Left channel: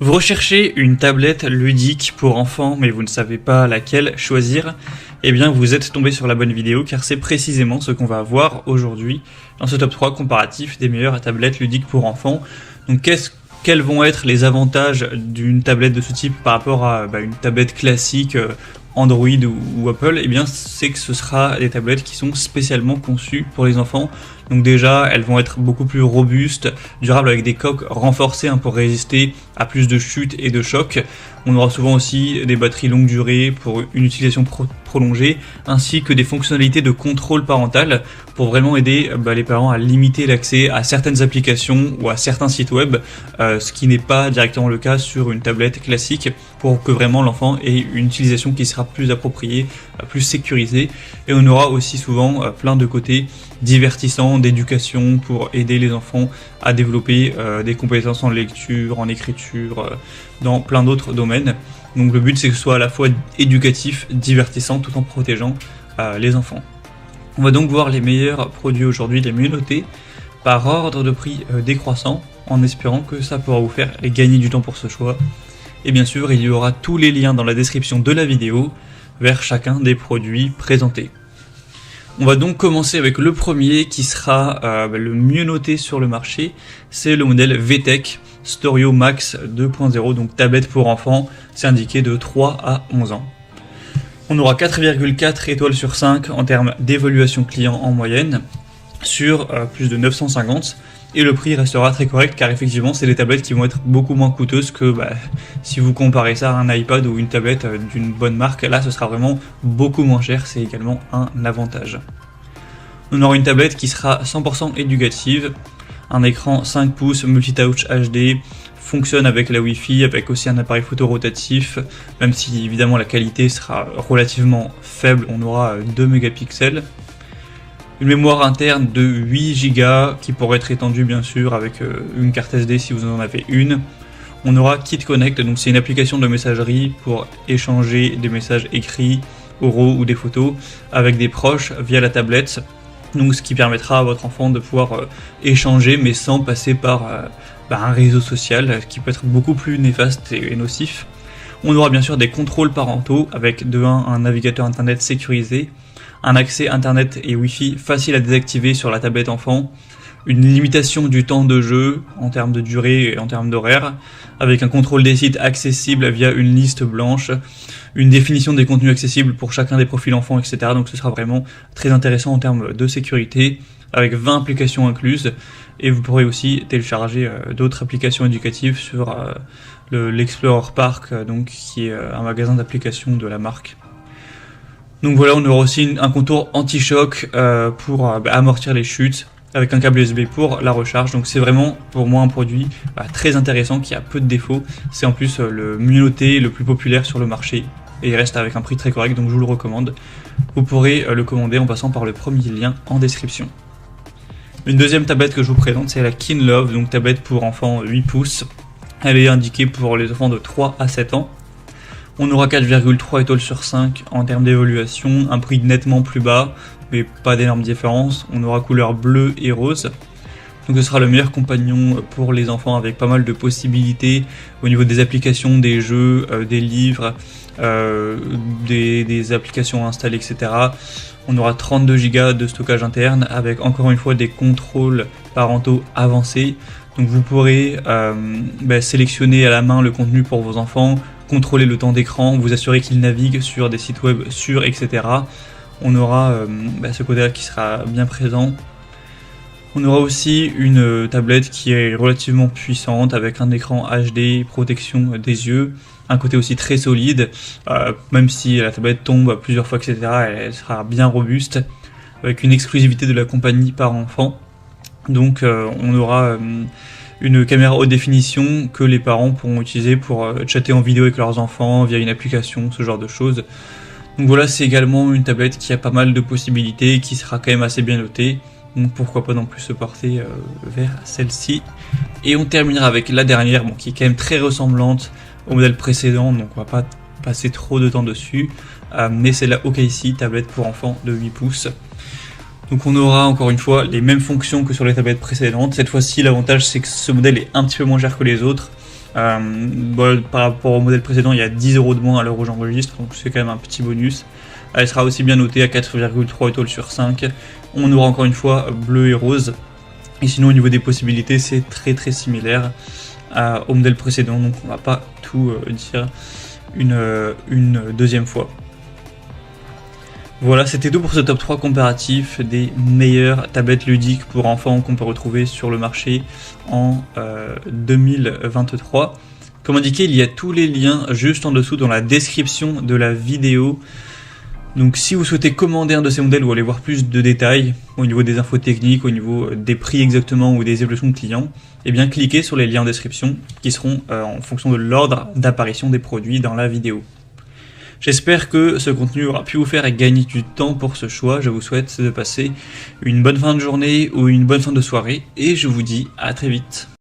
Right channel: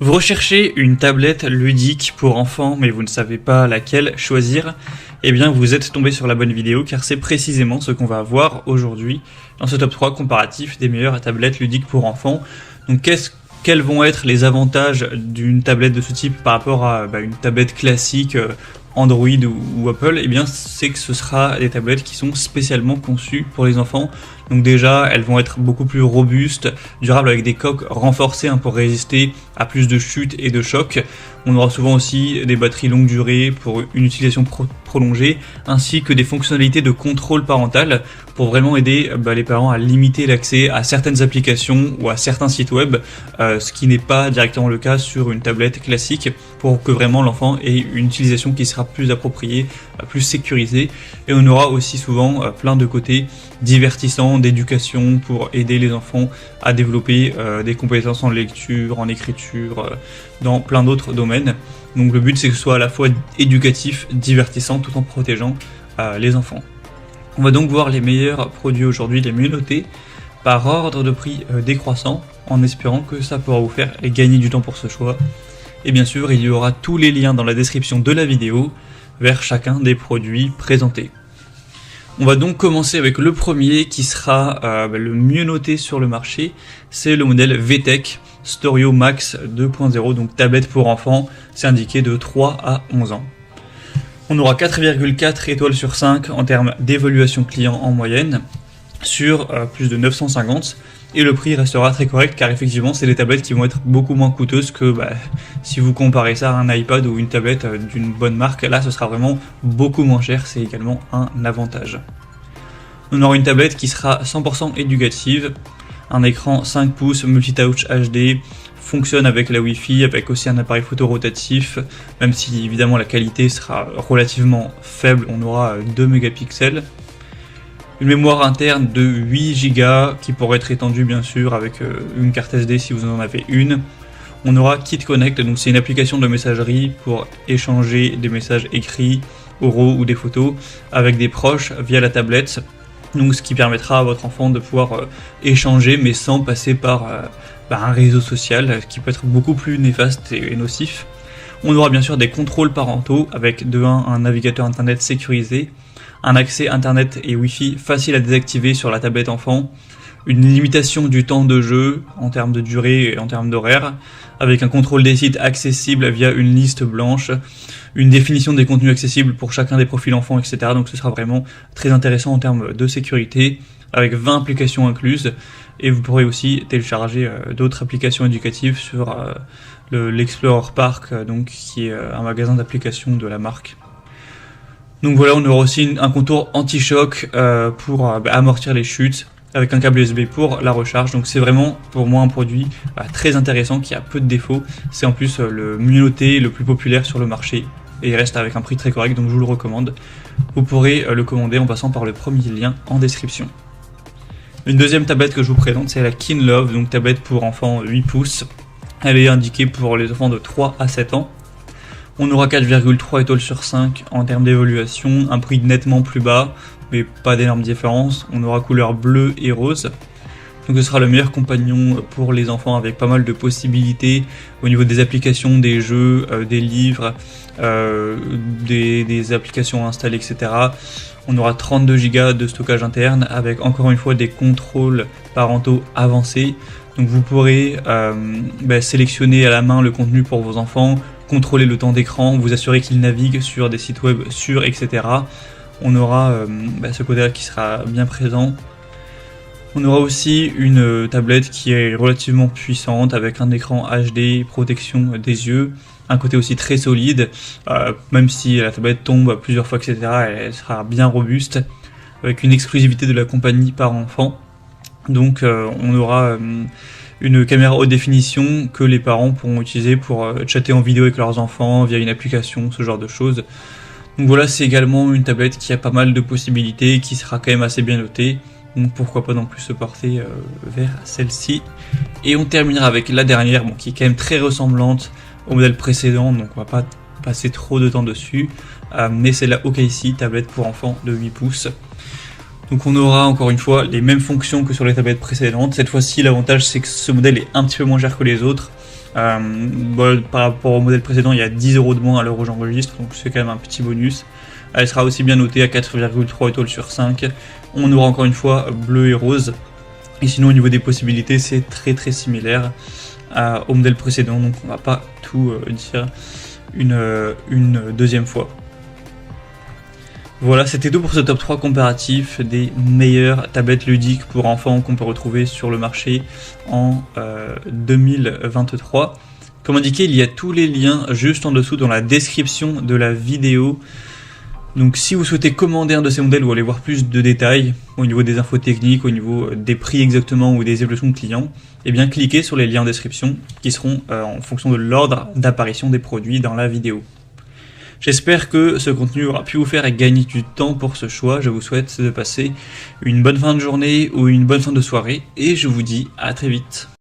Vous recherchez une tablette ludique pour enfants, mais vous ne savez pas laquelle choisir? Eh bien, vous êtes tombé sur la bonne vidéo, car c'est précisément ce qu'on va voir aujourd'hui dans ce top 3 comparatif des meilleures tablettes ludiques pour enfants. Donc, quels vont être les avantages d'une tablette de ce type par rapport à une tablette classique Android ou Apple? Eh bien, c'est que ce sera les tablettes qui sont spécialement conçues pour les enfants. Donc déjà, elles vont être beaucoup plus robustes, durables avec des coques renforcées pour résister à plus de chutes et de chocs. On aura souvent aussi des batteries longue durée pour une utilisation prolongée, ainsi que des fonctionnalités de contrôle parental pour vraiment aider les parents à limiter l'accès à certaines applications ou à certains sites web, ce qui n'est pas directement le cas sur une tablette classique, pour que vraiment l'enfant ait une utilisation qui sera plus appropriée, plus sécurisée. Et on aura aussi souvent plein de côtés divertissants, d'éducation, pour aider les enfants à développer des compétences en lecture, en écriture, dans plein d'autres domaines. Donc le but, c'est que ce soit à la fois éducatif, divertissant, tout en protégeant les enfants. On va donc voir les meilleurs produits aujourd'hui, les mieux notés, par ordre de prix décroissant, en espérant que ça pourra vous faire gagner du temps pour ce choix. Et bien sûr, il y aura tous les liens dans la description de la vidéo vers chacun des produits présentés. On va donc commencer avec le premier qui sera le mieux noté sur le marché. C'est le modèle VTech Storio Max 2.0, donc tablette pour enfants. C'est indiqué de 3 à 11 ans. On aura 4,4 étoiles sur 5 en termes d'évaluation client en moyenne, sur plus de 950. Et le prix restera très correct, car effectivement c'est des tablettes qui vont être beaucoup moins coûteuses que si vous comparez ça à un iPad ou une tablette d'une bonne marque. Là ce sera vraiment beaucoup moins cher, c'est également un avantage. On aura une tablette qui sera 100% éducative, un écran 5 pouces multitouch HD, fonctionne avec la Wi-Fi, avec aussi un appareil photo rotatif, même si évidemment la qualité sera relativement faible. On aura 2 mégapixels. Une mémoire interne de 8 Go qui pourrait être étendue bien sûr avec une carte SD si vous en avez une. On aura KitConnect, donc c'est une application de messagerie pour échanger des messages écrits, oraux ou des photos avec des proches via la tablette. Donc ce qui permettra à votre enfant de pouvoir échanger mais sans passer par un réseau social qui peut être beaucoup plus néfaste et nocif. On aura bien sûr des contrôles parentaux avec de 1 un navigateur internet sécurisé, un accès internet et wifi facile à désactiver sur la tablette enfant, une limitation du temps de jeu en termes de durée et en termes d'horaire, avec un contrôle des sites accessible via une liste blanche, une définition des contenus accessibles pour chacun des profils enfants, etc. Donc ce sera vraiment très intéressant en termes de sécurité, avec 20 applications incluses, et vous pourrez aussi télécharger d'autres applications éducatives sur l'Explorer Park, donc qui est un magasin d'applications de la marque. Donc voilà, on aura aussi un contour anti-choc pour amortir les chutes, avec un câble USB pour la recharge. Donc c'est vraiment pour moi un produit très intéressant qui a peu de défauts. C'est en plus le mieux noté, le plus populaire sur le marché, et il reste avec un prix très correct, donc je vous le recommande. Vous pourrez le commander en passant par le premier lien en description. Une deuxième tablette que je vous présente, c'est la KinLove, donc tablette pour enfants 8 pouces. Elle est indiquée pour les enfants de 3 à 7 ans. On aura 4,3 étoiles sur 5 en termes d'évaluation, un prix nettement plus bas, mais pas d'énormes différences. On aura couleur bleue et rose. Donc ce sera le meilleur compagnon pour les enfants, avec pas mal de possibilités au niveau des applications, des jeux, des livres, des applications installées, etc. On aura 32 Go de stockage interne, avec encore une fois des contrôles parentaux avancés. Donc vous pourrez sélectionner à la main le contenu pour vos enfants, contrôler le temps d'écran, vous assurer qu'ils naviguent sur des sites web sûrs, etc. On aura ce côté-là qui sera bien présent. On aura aussi une tablette qui est relativement puissante, avec un écran HD, protection des yeux, un côté aussi très solide, même si la tablette tombe plusieurs fois, etc. elle sera bien robuste, avec une exclusivité de la compagnie par enfant. Donc on aura une caméra haute définition que les parents pourront utiliser pour chatter en vidéo avec leurs enfants via une application, ce genre de choses. Donc voilà, c'est également une tablette qui a pas mal de possibilités, qui sera quand même assez bien notée. Donc pourquoi pas non plus se porter vers celle-ci. Et on terminera avec la dernière, qui est quand même très ressemblante au modèle précédent, donc on va pas passer trop de temps dessus. Mais c'est la OKC, tablette pour enfants de 8 pouces. Donc on aura encore une fois les mêmes fonctions que sur les tablettes précédentes. Cette fois-ci, l'avantage c'est que ce modèle est un petit peu moins cher que les autres. Par rapport au modèle précédent, il y a 10 € de moins à l'heure où j'enregistre, donc c'est quand même un petit bonus. Elle sera aussi bien notée à 4,3 étoiles sur 5. On aura encore une fois bleu et rose. Et sinon, au niveau des possibilités, c'est très très similaire au modèle précédent, donc on va pas tout dire une deuxième fois. Voilà, c'était tout pour ce top 3 comparatif des meilleures tablettes ludiques pour enfants qu'on peut retrouver sur le marché en 2023. Comme indiqué, il y a tous les liens juste en dessous dans la description de la vidéo. Donc si vous souhaitez commander un de ces modèles ou aller voir plus de détails au niveau des infos techniques, au niveau des prix exactement ou des évolutions de clients, eh bien cliquez sur les liens en description qui seront en fonction de l'ordre d'apparition des produits dans la vidéo. J'espère que ce contenu aura pu vous faire gagner du temps pour ce choix. Je vous souhaite de passer une bonne fin de journée ou une bonne fin de soirée et je vous dis à très vite.